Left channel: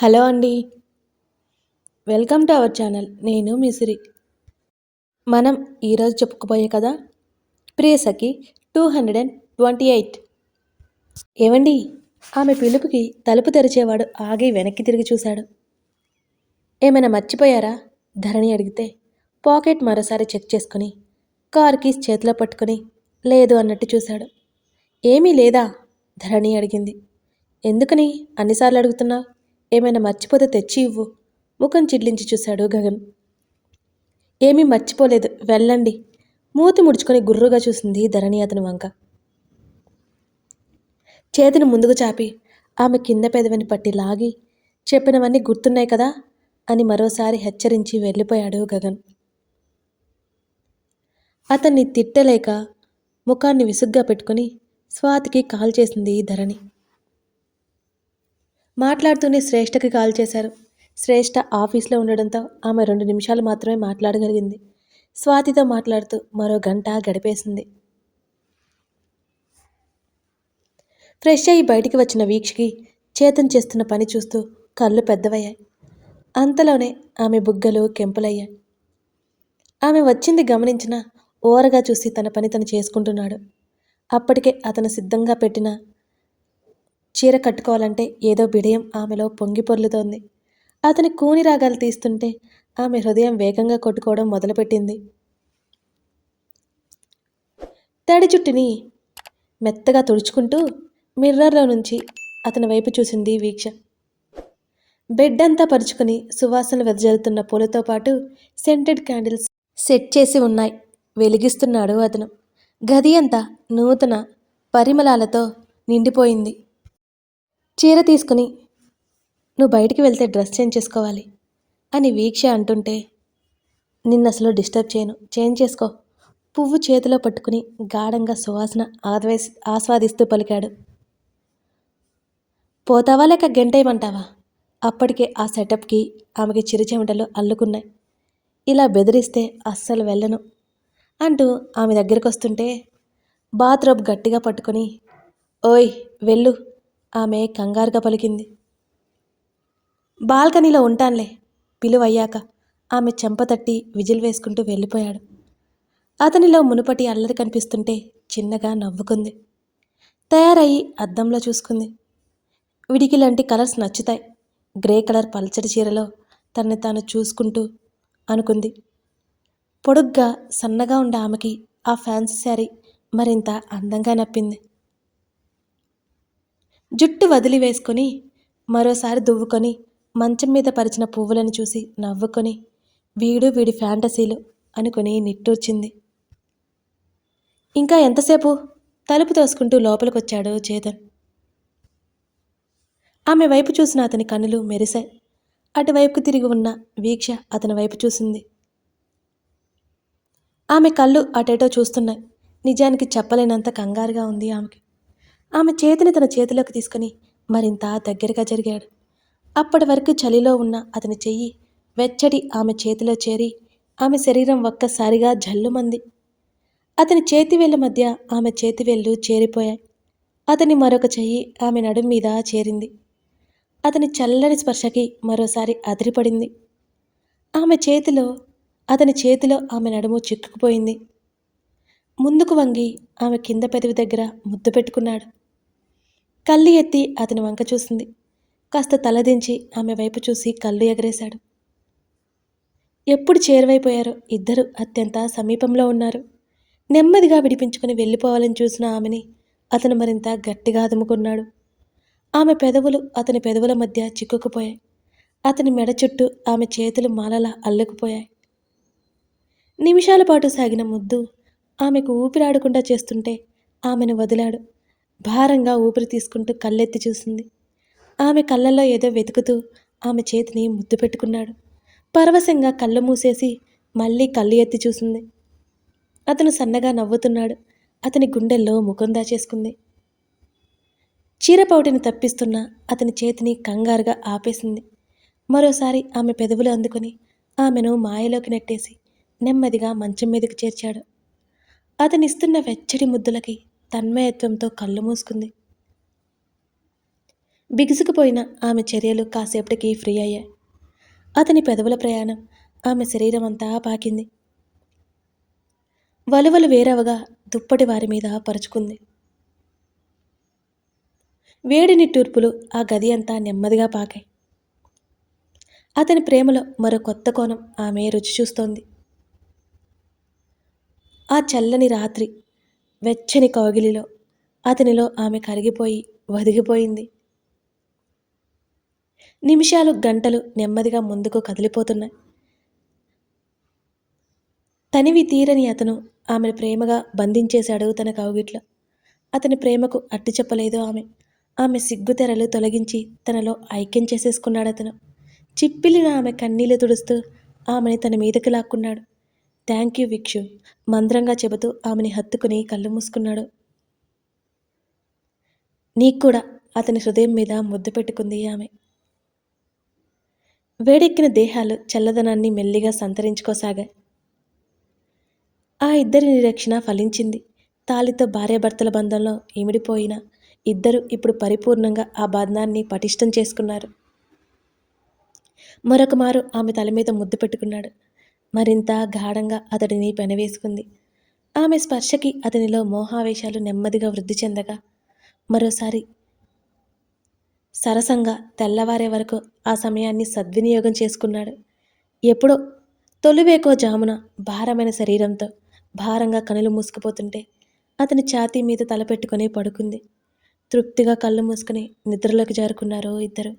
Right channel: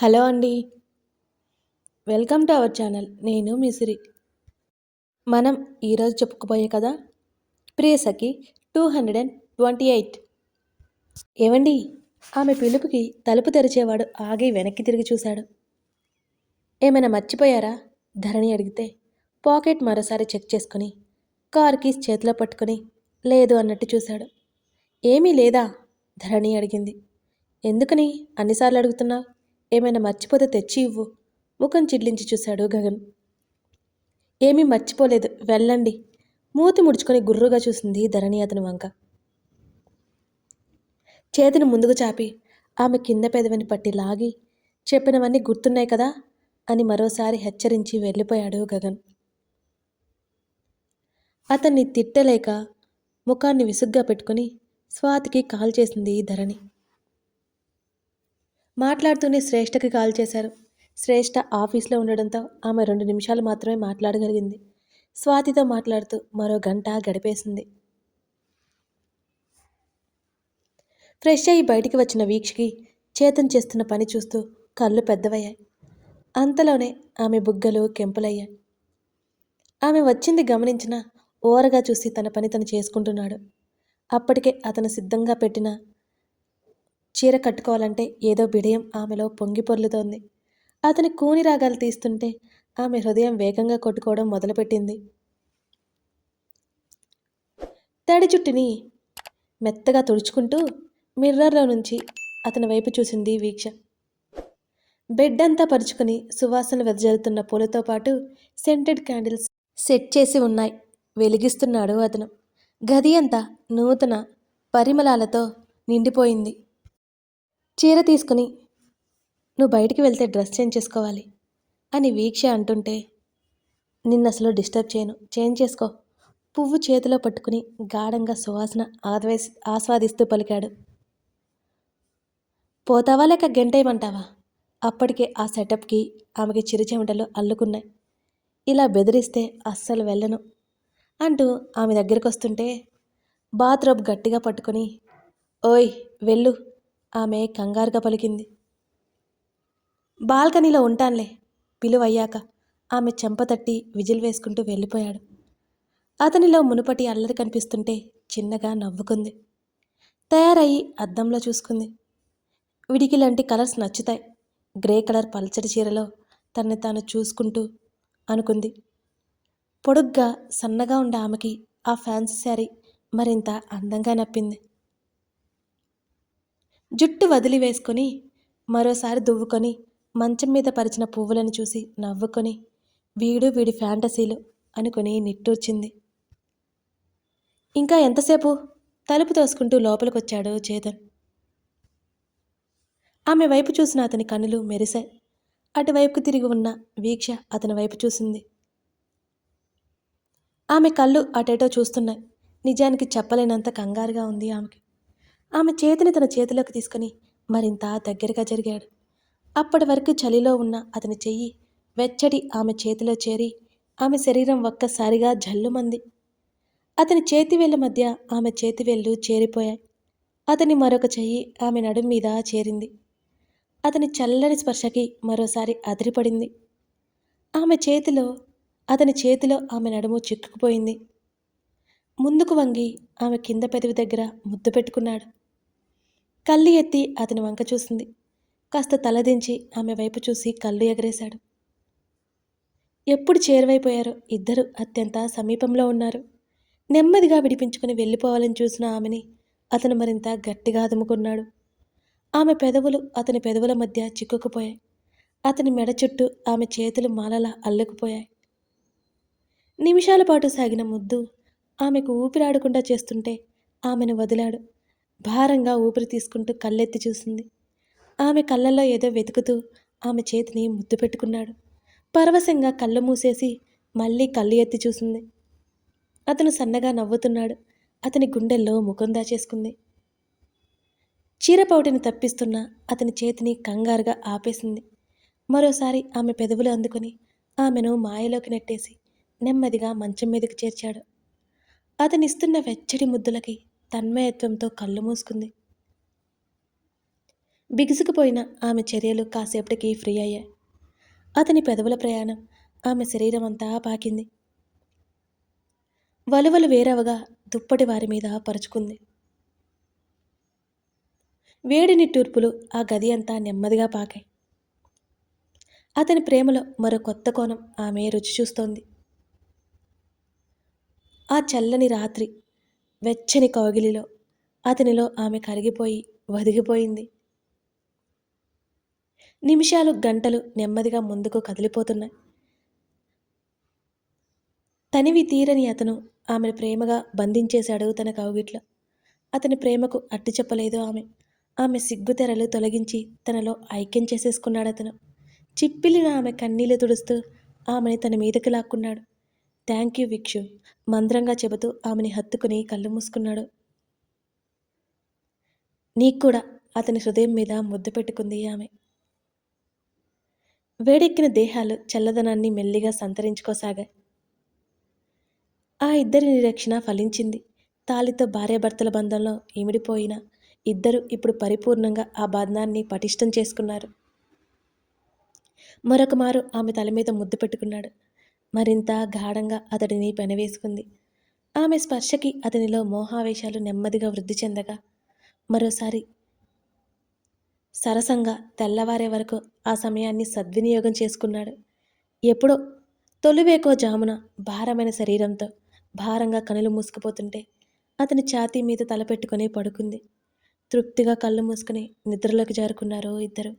Hello అండి. Welcome to our channel. నేను మిసిరి మనం ఈరోజు చెప్పుకోబోయే కదా Priyasakhi two hundred and twenty eight. ఏవండి ఆమె పిలుపుకి తలుపు తెరిచేవాడు ఆగి వెనక్కి తిరిగి చూశాడు. ఏమైనా మర్చిపోయారా? ధరణి అడిగితే పాకెట్ మరోసారి చెక్ చేసుకుని కార్ కీస్ చేతిలో పట్టుకుని లేదు అన్నట్టు చూశాడు. ఏమీ లేదా? ధరణి అడిగింది. ఎందుకని? అన్నిసార్లు అడుగుతున్నావు ఏమైనా మర్చిపోతే తెచ్చి ఇవ్వు. ముఖం చిడ్లించి చూశాడు గగన్. ఏమీ మర్చిపోలేదు. వెళ్ళండి. మూతి ముడుచుకొని గుర్రుగా చూసింది ధరణి అతని వంక. చేతిని ముందుకు చాపి ఆమె కింద పెదవిని పట్టి లాగి చెప్పినవన్నీ గుర్తున్నాయి కదా అని మరోసారి హెచ్చరించి వెళ్ళిపోయాడు గగన్. అతన్ని తిట్టలేక ముఖాన్ని విసుగ్గా పెట్టుకుని స్వాతికి కాల్ చేసింది ధరణి. మాట్లాడుతూనే శ్రేష్టకి కాల్ చేశారు. శ్రేష్ఠ ఆఫీస్లో ఉండడంతో ఆమె రెండు నిమిషాలు మాత్రమే మాట్లాడగలిగింది. స్వాతితో మాట్లాడుతూ మరో గంట గడిపేసింది. ఫ్రెష్ అయ్యి బయటికి వచ్చిన వీక్షకి చేతన్ చేస్తున్న పని చూస్తూ కళ్ళు పెద్దవయ్యాయి. అంతలోనే ఆమె బుగ్గలు కెంపులయ్యాయి. ఆమె వచ్చింది గమనించిన ఓరగా చూసి తన పని తను చేసుకుంటున్నాడు. అప్పటికే అతను సిద్ధంగా పెట్టిన చీర కట్టుకోవాలంటే ఏదో బిడయం ఆమెలో పొంగి పొర్లుతోంది. అతని కూని రాగాలు తీస్తుంటే ఆమె హృదయం వేగంగా కొట్టుకోవడం మొదలుపెట్టింది. తడి జుట్టుని మెత్తగా తుడుచుకుంటూ మిర్రర్లో నుంచి అతని వైపు చూసింది వీక్ష. బెడ్ అంతా పరుచుకుని సువాసన వెదజల్లుతున్న పూలతో పాటు సెంటెడ్ క్యాండిల్స్ సెట్ చేసి ఉన్నాయి. వెలిగిస్తున్నాడు అతను. గది అంతా నూతన పరిమళాలతో నిండిపోయింది. చీర తీసుకుని నువ్వు బయటికి వెళ్తే డ్రెస్ చేంజ్ చేసుకోవాలి అని వీక్ష అంటుంటే నిన్నసలు డిస్టర్బ్ చేయను చేంజ్ చేసుకో పువ్వు చేతిలో పట్టుకుని గాఢంగా సువాసన ఆద్వేస్ ఆస్వాదిస్తూ పలికాడు. పోతావా లేక గంటేయమంటావా? అప్పటికే ఆ సెటప్కి ఆమెకి చిరుచెమటలు అల్లుకున్నాయి. ఇలా బెదిరిస్తే అస్సలు వెళ్ళను అంటూ ఆమె దగ్గరికి వస్తుంటే బాత్రూబ్ గట్టిగా పట్టుకొని ఓయ్ వెళ్ళు ఆమె కంగారుగా పలికింది. బాల్కనీలో ఉంటానులే పిలువయ్యాక ఆమె చెంప తట్టి విజిల్ వేసుకుంటూ వెళ్ళిపోయాడు. అతనిలో మునుపటి అల్లరి కనిపిస్తుంటే చిన్నగా నవ్వుకుంది. తయారయ్యి అద్దంలో చూసుకుంది. విడికి లాంటి కలర్స్ నచ్చుతాయి. గ్రే కలర్ పల్చడి చీరలో తనని తాను చూసుకుంటూ అనుకుంది. పొడుగ్గా సన్నగా ఉండే ఆమెకి ఆ ఫ్యాన్సీ శారీ మరింత అందంగా నప్పింది. జుట్టు వదిలి వేసుకొని మరోసారి దువ్వుకొని మంచం మీద పరిచిన పువ్వులను చూసి నవ్వుకొని వీడు వీడి ఫ్యాంటసీలు అనుకుని నిట్టూర్చింది. ఇంకా ఎంతసేపు? తలుపు తోసుకుంటూ లోపలికొచ్చాడు చేతన్. ఆమె వైపు చూసిన అతని కన్నులు మెరిశాయి. అటువైపుకు తిరిగి ఉన్న వీక్ష అతని వైపు చూసింది. ఆమె కళ్ళు అటేటో చూస్తున్నాయి. నిజానికి చెప్పలేనంత కంగారుగా ఉంది ఆమెకి. ఆమె చేతిని తన చేతిలోకి తీసుకుని మరింత దగ్గరగా జరిగాడు. అప్పటి వరకు చలిలో ఉన్న అతని చెయ్యి వెచ్చడి ఆమె చేతిలో చేరి ఆమె శరీరం ఒక్కసారిగా జల్లుమంది. అతని చేతివేళ్ళ మధ్య ఆమె చేతివేళ్ళు చేరిపోయాయి. అతని మరొక చెయ్యి ఆమె నడుం మీద చేరింది. అతని చల్లని స్పర్శకి మరోసారి అదిరిపడింది. ఆమె చేతిలో అతని చేతిలో ఆమె నడుము చిక్కుకుపోయింది. ముందుకు వంగి ఆమె కింద పెదవి దగ్గర ముద్దు పెట్టుకున్నాడు. కళ్ళు ఎత్తి అతని వంక చూసింది. కాస్త తలదించి ఆమె వైపు చూసి కళ్ళు ఎగరేశాడు. ఎప్పుడు చేరువైపోయారో ఇద్దరు అత్యంత సమీపంలో ఉన్నారు. నెమ్మదిగా విడిపించుకుని వెళ్ళిపోవాలని చూసిన ఆమెని అతను మరింత గట్టిగా అదుముకున్నాడు. ఆమె పెదవులు అతని పెదవుల మధ్య చిక్కుకుపోయాయి. అతని మెడ చుట్టూ ఆమె చేతులు మాలలా అల్లుకుపోయాయి. నిమిషాల పాటు సాగిన ముద్దు ఆమెకు ఊపిరాడకుండా చేస్తుంటే ఆమెను వదిలాడు. భారంగా ఊపిరి తీసుకుంటూ కళ్ళెత్తి చూసింది. ఆమె కళ్ళల్లో ఏదో వెతుకుతూ ఆమె చేతిని ముద్దు పెట్టుకున్నాడు. పరవశంగా కళ్ళు మూసేసి మళ్ళీ కళ్ళు ఎత్తి చూసింది. అతను సన్నగా నవ్వుతున్నాడు. అతని గుండెల్లో ముఖం దాచేసుకుంది. చీరపౌటిని తప్పిస్తున్న అతని చేతిని కంగారుగా ఆపేసింది. మరోసారి ఆమె పెదవులు అందుకొని ఆమెను మాయలోకి నెట్టేసి నెమ్మదిగా మంచం మీదకు చేర్చాడు. అతనిస్తున్న వెచ్చడి ముద్దులకి తన్మయత్వంతో కళ్ళు మూసుకుంది. బిగుసుకుపోయిన ఆమె చర్యలు కాసేపటికి ఫ్రీ అయ్యాయి. అతని పెదవుల ప్రయాణం ఆమె శరీరం అంతా పాకింది. వలువలు వేరవగా దుప్పటి వారి మీద పరుచుకుంది. వేడి నిట్టూర్పులు ఆ గది అంతా నెమ్మదిగా పాకాయి. అతని ప్రేమలో మరో కొత్త కోణం ఆమె రుచి చూస్తోంది. ఆ చల్లని రాత్రి వెచ్చని కౌగిలిలో. అతనిలో ఆమె కరిగిపోయి వదిగిపోయింది. నిమిషాలు గంటలు నెమ్మదిగా ముందుకు కదిలిపోతున్నాయి. తనివి తీరని అతను ఆమెను ప్రేమగా బంధించేశాడు తన కౌగిట్లో. అతని ప్రేమకు అట్టి చెప్పలేదు ఆమె. ఆమె సిగ్గుతెరలు తొలగించి తనలో ఐక్యం చేసేసుకున్నాడు అతను చిప్పిలిన ఆమె కన్నీళ్ళు తుడుస్తూ ఆమెని తన మీదకి లాక్కున్నాడు. థ్యాంక్ యూ విక్షు మంద్రంగా చెబుతూ ఆమెని హత్తుకుని కళ్ళు మూసుకున్నాడు. నీకు కూడా అతని హృదయం మీద ముద్దు పెట్టుకుంది ఆమె. వేడెక్కిన దేహాలు చల్లదనాన్ని మెల్లిగా సంతరించుకోసాగాయి. ఆ ఇద్దరి నిరీక్షణ ఫలించింది. తాలితో భార్యాభర్తల బంధంలో ఇమిడిపోయిన ఇద్దరు ఇప్పుడు పరిపూర్ణంగా ఆ బంధాన్ని పటిష్టం చేసుకున్నారు. మరొక మారు ఆమె తల మీద ముద్దు పెట్టుకున్నాడు. మరింత గాఢంగా అతడిని పెనవేసుకుంది ఆమె స్పర్శకి అతనిలో మోహావేశాలు నెమ్మదిగా వృద్ధి చెందగా మరోసారి సరసంగా తెల్లవారే వరకు ఆ సమయాన్ని సద్వినియోగం చేసుకున్నాడు. ఎప్పుడో తొలివేకో జామున భారమైన శరీరంతో భారంగా కనులు మూసుకుపోతుంటే అతని ఛాతీ మీద తలపెట్టుకుని పడుకుంది. తృప్తిగా కళ్ళు మూసుకుని నిద్రలోకి జారుకున్నారు ఇద్దరు.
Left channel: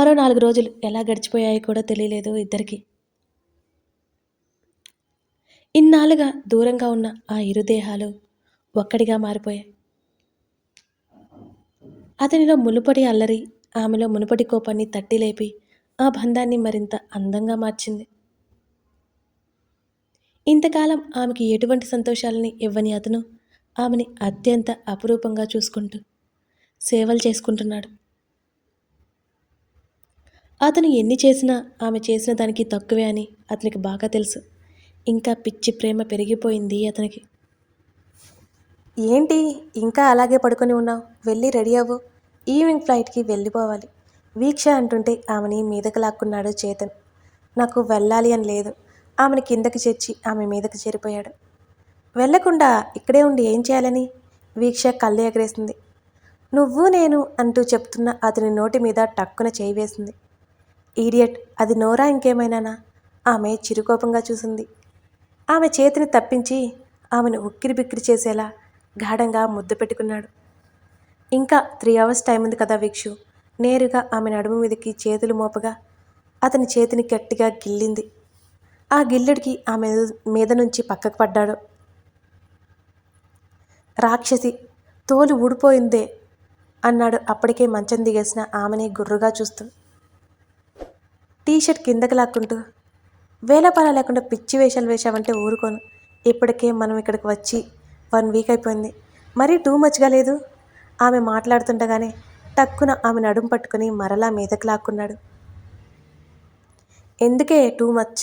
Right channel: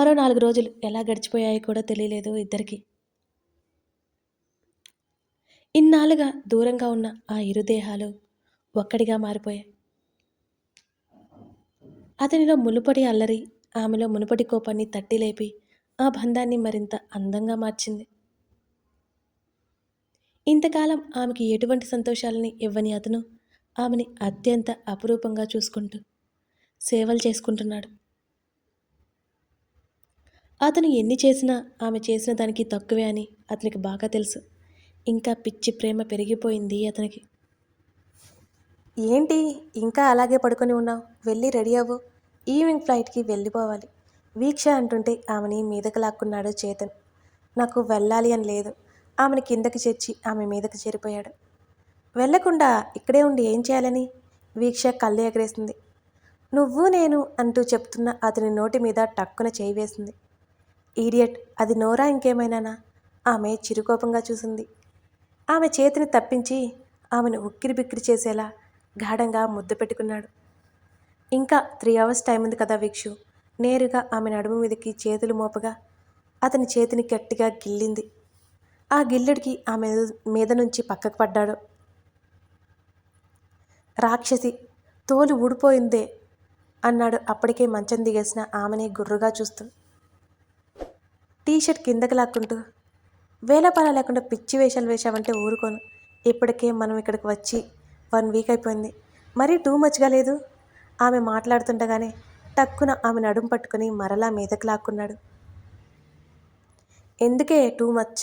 మరో నాలుగు రోజులు ఎలా గడిచిపోయాయో కూడా తెలియలేదు ఇద్దరికి. ఇన్నాళ్ళుగా దూరంగా ఉన్న ఆ ఇరుదేహాలు ఒక్కడిగా మారిపోయాయి. అతనిలో మునుపటి అల్లరి ఆమెలో మునుపటి కోపాన్ని తట్టి లేపి ఆ బంధాన్ని మరింత అందంగా మార్చింది. ఇంతకాలం ఆమెకి ఎటువంటి సంతోషాలని ఇవ్వని అతను ఆమెని అత్యంత అపురూపంగా చూసుకుంటూ సేవలు చేసుకుంటున్నాడు. అతను ఎన్ని చేసినా ఆమె చేసిన దానికి తక్కువే అని అతనికి బాగా తెలుసు. ఇంకా పిచ్చి ప్రేమ పెరిగిపోయింది అతనికి. ఏంటి ఇంకా అలాగే పడుకొని ఉన్నావు? వెళ్ళి రెడీ అవ్వు. ఈవినింగ్ ఫ్లైట్కి వెళ్ళిపోవాలి. వీక్ష అంటుంటే ఆమెని మీదకు లాక్కున్నాడు చేతన్. నాకు వెళ్ళాలి అని లేదు. ఆమెను కిందకి చేర్చి ఆమె మీదకి చేరిపోయాడు. వెళ్ళకుండా ఇక్కడే ఉండి ఏం చేయాలని? వీక్ష కళ్ళు ఎగరేసింది. నువ్వు నేను అంటూ చెప్తున్న అతని నోటి మీద టక్కున చేయి వేసింది. ఈడియట్ అది నోరా ఇంకేమైనానా? ఆమె చిరుకోపంగా చూసింది. ఆమె చేతిని తప్పించి ఆమెను ఉక్కిరి బిక్కిరి చేసేలా గాఢంగా ముద్దు పెట్టుకున్నాడు. ఇంకా త్రీ అవర్స్ టైం ఉంది కదా వీక్షు. నేరుగా ఆమె నడుము మీదకి చేతులు మోపగా అతని చేతిని గట్టిగా గిల్లింది. ఆ గిల్లుడికి ఆమె మీద నుంచి పక్కకు పడ్డాడు. రాక్షసి తోలు ఊడిపోయిందే అన్నాడు అప్పటికే మంచం దిగేసిన ఆమెని గుర్రుగా చూస్తూ. టీషర్ట్ కిందకి లాక్కుంటూ వేలపాల లేకుండా పిచ్చి వేషాలు వేశామంటే ఊరుకోను. ఇప్పటికే మనం ఇక్కడికి వచ్చి వన్ వీక్ అయిపోయింది. మరీ టూ మచ్గా లేదు? ఆమె మాట్లాడుతుండగానే టక్కున ఆమె నడుం పట్టుకుని మరలా మీదకి లాక్కున్నాడు. ఎందుకే టూ మచ్?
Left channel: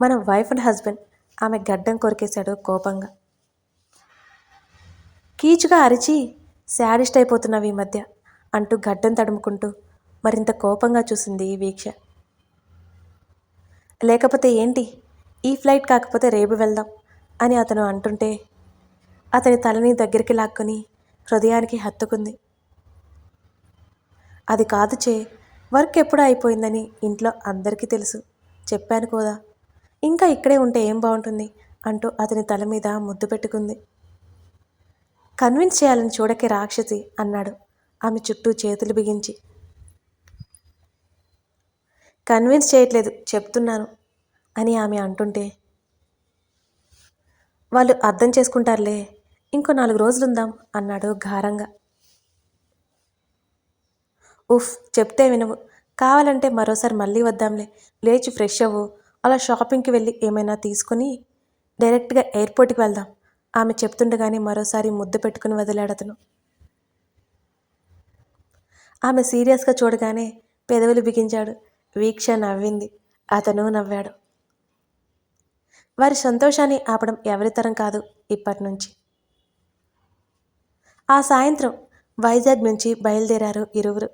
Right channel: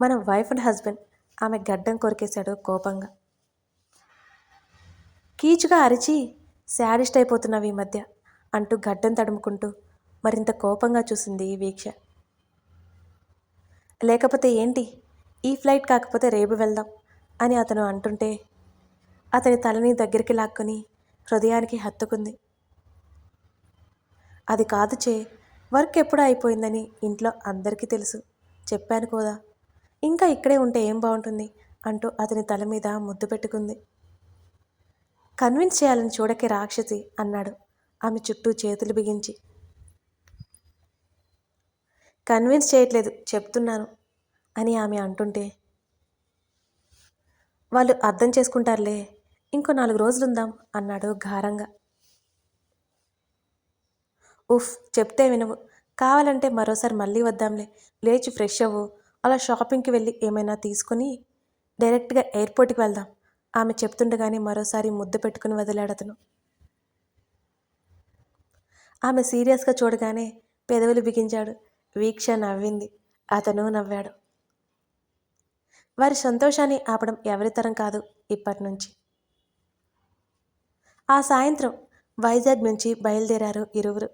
మన వైఫ్ అండ్ హస్బెండ్ ఆమె గడ్డం కొరికేశాడు కోపంగా. కీచుగా అరిచి శాడిస్ట్ అయిపోతున్నావు ఈ మధ్య అంటూ గడ్డం తడుముకుంటూ మరింత కోపంగా చూసింది ఈ వీక్ష. లేకపోతే ఏంటి? ఈ ఫ్లైట్ కాకపోతే రేపు వెళ్దాం అని అతను అంటుంటే అతని తలని దగ్గరికి లాక్కొని హృదయానికి హత్తుకుంది. అది కాదు చే వర్క్ ఎప్పుడు అయిపోయిందని ఇంట్లో అందరికీ తెలుసు. చెప్పాను కోదా ఇంకా ఇక్కడే ఉంటే ఏం బాగుంటుంది? అంటూ అతని తల మీద ముద్దు పెట్టుకుంది. కన్విన్స్ చేయాలని చూడకే రాక్షసి అన్నాడు. ఆమె చుట్టూ చేతులు బిగించి కన్విన్స్ చేయట్లేదు చెప్తున్నాను అని ఆమె అంటుంటే వాళ్ళు అర్థం చేసుకుంటారులే ఇంకో నాలుగు రోజులుందాం అన్నాడు ఘారంగా ఉఫ్ చెప్తే వినవు. కావాలంటే మరోసారి మళ్ళీ వద్దాంలే. లేచి ఫ్రెష్ అవ్వు. అలా షాపింగ్కి వెళ్ళి ఏమైనా తీసుకొని డైరెక్ట్గా ఎయిర్పోర్ట్కి వెళ్దాం ఆమె చెప్తుండగానే మరోసారి ముద్దు పెట్టుకుని వదిలాడతను ఆమె సీరియస్గా చూడగానే పెదవులు బిగించాడు. వీక్ష నవ్వింది. అతను నవ్వాడు. వారి సంతోషాన్ని ఆపడం ఎవరితరం కాదు ఇప్పటి నుంచి ఆ సాయంత్రం వైజాగ్ నుంచి బయలుదేరారు ఇరువురు.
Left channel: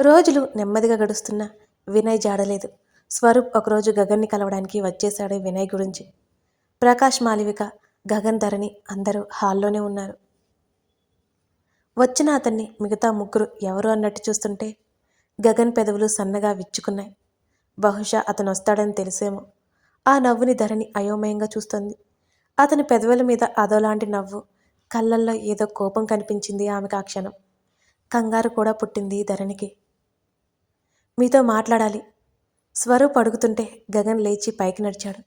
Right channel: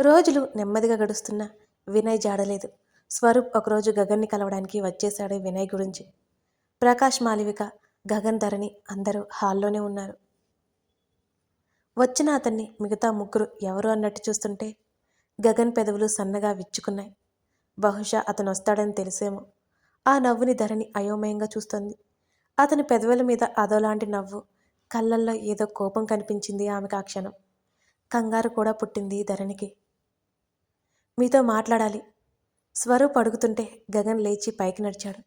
రోజులు నెమ్మదిగా గడుస్తున్నా వినయ్ జాడలేదు. స్వరూప్ ఒకరోజు గగన్ని కలవడానికి వచ్చేశాడు వినయ్ గురించి. ప్రకాష్ మాలివిక గగన్ ధరణి అందరూ హాల్లోనే ఉన్నారు. వచ్చిన అతన్ని మిగతా ముగ్గురు ఎవరు అన్నట్టు చూస్తుంటే గగన్ పెదవులు సన్నగా విచ్చుకున్నాయి. బహుశా అతను వస్తాడని తెలిసేమో. ఆ నవ్వుని ధరణి అయోమయంగా చూస్తుంది. అతని పెదవుల మీద అదోలాంటి నవ్వు కళ్ళల్లో ఏదో కోపం కనిపించింది ఆమెకు ఆ క్షణం. కంగారు కూడా పుట్టింది ధరణికి. మీతో మాట్లాడాలి. స్వరూప్ అడుగుతుంటే గగన్ లేచి పైకి నడిచాడు.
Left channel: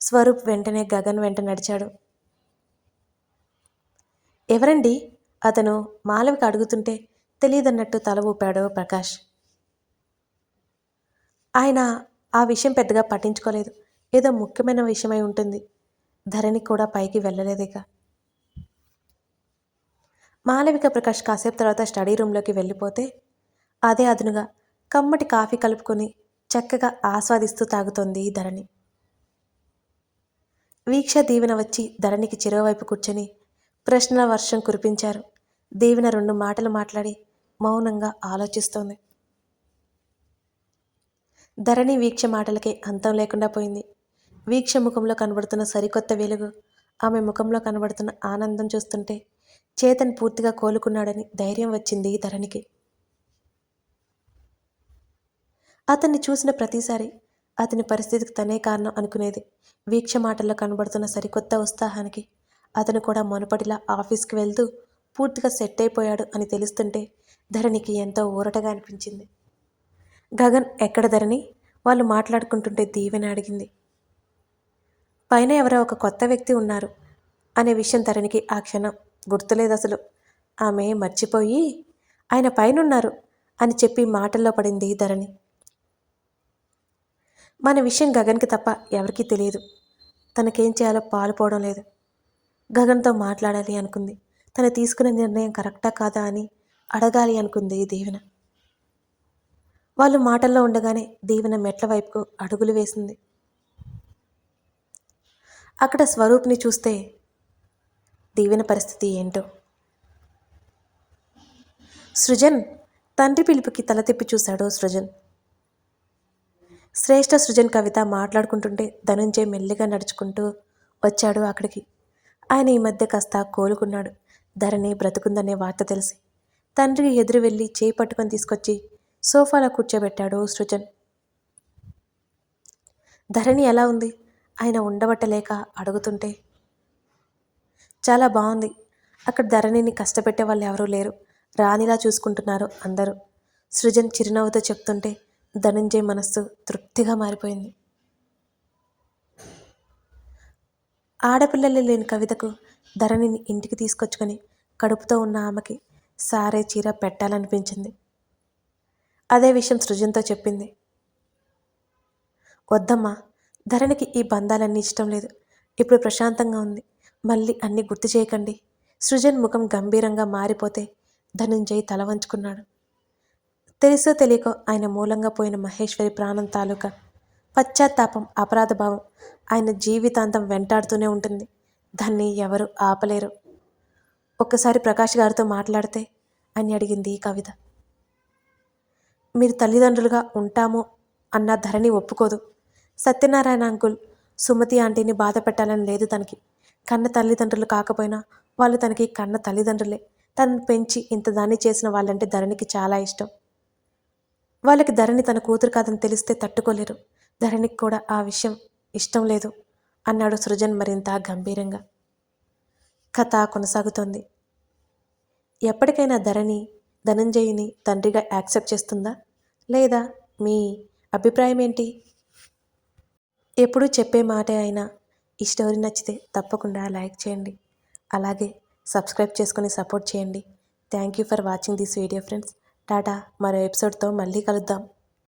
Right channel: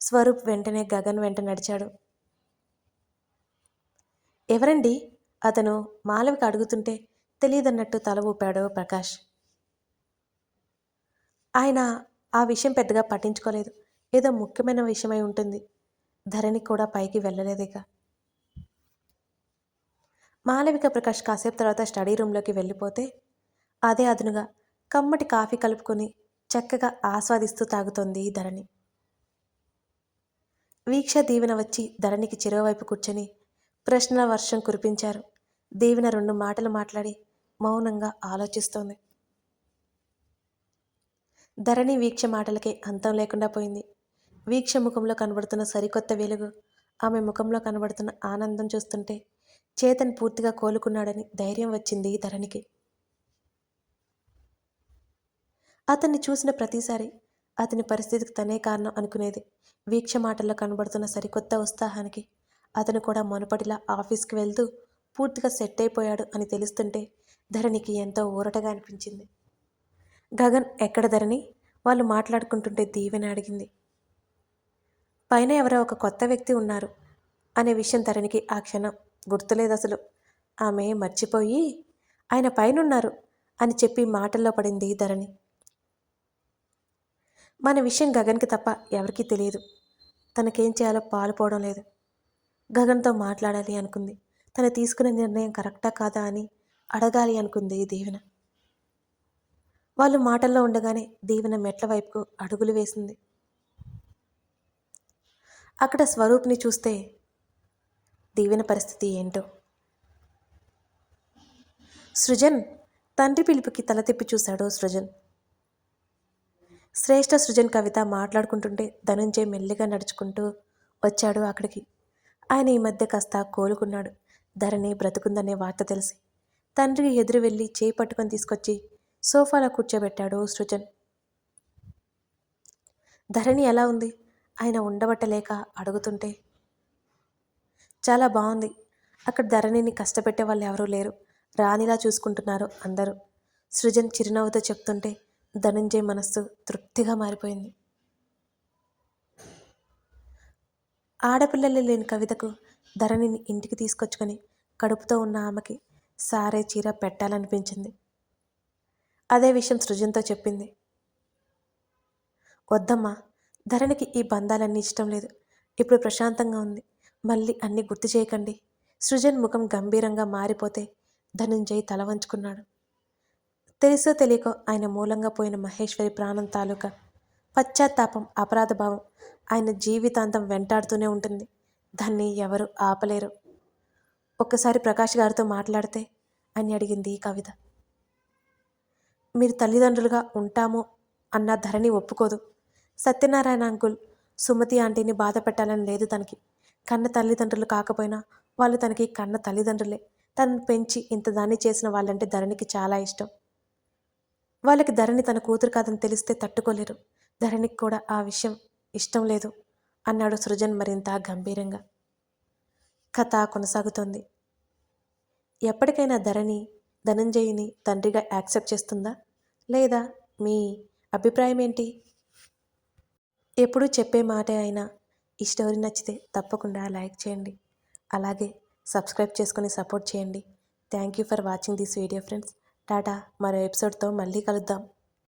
స్వరూప్ వెంటనే గగన్ వెంట నడిచాడు. ఎవరండి? అతను మాలవిక అడుగుతుంటే తెలియదన్నట్టు తల ఊపాడు ప్రకాష్. ఆయన ఆ విషయం పెద్దగా పట్టించుకోలేదు. ఏదో ముఖ్యమైన విషయమై ఉంటుంది. ధరణి కూడా పైకి వెళ్ళలేదిక మాలవిక ప్రకాష్ కాసేపు తర్వాత స్టడీ రూమ్లోకి వెళ్ళిపోతే అదే అదునుగా కమ్మటి కాఫీ కలుపుకొని చక్కగా ఆస్వాదిస్తూ తాగుతోంది ధరణి. వీక్ష దీవెన వచ్చి ధరణికి చెరోవైపు కూర్చొని ప్రశ్న వర్షం కురిపించారు. దీవెన రెండు మాటలు మాట్లాడి మౌనంగా ఆలోచిస్తోంది. ధరణి వీక్ష మాటలకి అంతం లేకుండా పోయింది. వీక్ష ముఖంలో కనబడుతున్న సరికొత్త వెలుగు ఆమె ముఖంలో కనబడుతున్న ఆనందం చూస్తుంటే చేతన్ పూర్తిగా కోలుకున్నాడని ధైర్యం వచ్చింది ధరణికి. అతన్ని చూసిన ప్రతిసారి అతని పరిస్థితికి తనే కారణం అనుకునేది. వీక్ష మాటల్లో కనబడుతున్న సరికొత్త ఉత్సాహానికి అతను కూడా మునుపటిలా ఆఫీస్కి వెళ్తూ పూర్తిగా సెట్ అయిపోయాడు అని తెలుస్తుంటే ధరణికి ఎంతో ఊరటగా అనిపించింది. గగన్ ఎక్కడ ధరణి? వాళ్ళు మాట్లాడుకుంటుంటే దీవెన అడిగింది. పైన ఎవరో ఒక కొత్త వ్యక్తి ఉన్నారు అనే విషయం ధరణికి ఆ క్షణం గుర్తులేదు అసలు. ఆమె మర్చిపోయి ఆయన పైనున్నారు అని చెప్పి మాటల్లో పడింది ధరణి. మన విషయం గగన్కి తప్ప ఎవరికీ తెలియదు. తనకేం చేయాలో పాలుపోవడం లేదు. గగన్తో మాట్లాడాలి అనుకుంది. తను తీసుకునే నిర్ణయం కరెక్టా కాదా అని అడగాలి అనుకుంది దీవెన. వాళ్ళు మాటల్లో ఉండగానే దీవెన మెట్ల వైపుకు అడుగులు వేసింది. అక్కడ స్వరూప్ని చూస్తే దీవెన పరిస్థితి ఏంటో. సృజన్ తండ్రి పిలుపుకి తల తిప్పి చూశాడు సృజన్. శ్రేష్ఠ సృజన్ కవిత మాట్లాడుకుంటుంటే ధనుంజయ్ మెల్లిగా నడుచుకుంటూ వచ్చాడు అక్కడికి. ఆయన ఈ మధ్య కాస్త కోలుకున్నాడు. ధరణి బ్రతుకుందనే వార్త తెలిసి. తండ్రికి ఎదురు వెళ్ళి చేయి పట్టుకొని తీసుకొచ్చి సోఫాలో కూర్చోబెట్టాడు సృజన్. ధరణి ఎలా ఉంది? ఆయన ఉండబట్టలేక అడుగుతుంటే. చాలా బాగుంది. అక్కడ ధరణిని కష్టపెట్టే వాళ్ళు ఎవరూ లేరు. రానిలా చూసుకుంటున్నారు అందరూ. సృజన్ చిరునవ్వుతో చెప్తుంటే ధనంజయ్ మనస్సు తృప్తిగా మారిపోయింది. ఆడపిల్లలు లేని కవితకు ధరణిని ఇంటికి తీసుకొచ్చుకొని కడుపుతో ఉన్న ఆమెకి సారే చీర పెట్టాలనిపించింది. అదే విషయం సృజన్తో చెప్పింది. వద్దమ్మా ధరణికి ఈ బంధాలన్నీ ఇష్టం లేదు. ఇప్పుడు ప్రశాంతంగా ఉంది. మళ్ళీ అన్నీ గుర్తు చేయకండి. సృజన్ ముఖం గంభీరంగా మారిపోతే ధనుంజయ్ తల వంచుకున్నాడు. తెలుసో తెలియకో ఆయన మూలంగా పోయిన మహేశ్వరి ప్రాణం తాలూకా పశ్చాత్తాపం అపరాధభావం ఆయన జీవితాంతం వెంటాడుతూనే ఉంటుంది. దాన్ని ఎవరు ఆపలేరు. ఒక్కసారి ప్రకాష్ గారితో మాట్లాడితే అని అడిగింది కవిత. మీరు తల్లిదండ్రులుగా ఉంటాము అన్న ధరణి ఒప్పుకోదు. సత్యనారాయణ అంకుల్ సుమతి ఆంటీని బాధ పెట్టాలని లేదు తనకి. కన్న తల్లిదండ్రులు కాకపోయినా వాళ్ళు తనకి కన్న తల్లిదండ్రులే. తనను పెంచి ఇంత దాన్ని చేసిన వాళ్ళంటే ధరణికి చాలా ఇష్టం. వాళ్ళకి ధరణి తన కూతురు కాదని తెలిస్తే తట్టుకోలేరు. ధరణికి కూడా ఆ విషయం ఇష్టం లేదు అన్నాడు సృజన్ మరింత గంభీరంగా. కథ కొనసాగుతోంది. ఎప్పటికైనా ధరణి ధనంజయిని తండ్రిగా యాక్సెప్ట్ చేస్తుందా? లేదా మీ అభిప్రాయం ఏంటి ఎప్పుడూ చెప్పే మాటే అయినా ఈ స్టోరీ నచ్చితే తప్పకుండా లైక్ చేయండి. అలాగే సబ్స్క్రైబ్ చేసుకొని సపోర్ట్ చేయండి. Thank you for watching this video friends. Tata మరో ఎపిసోడ్తో మళ్ళీ కలుద్దాం.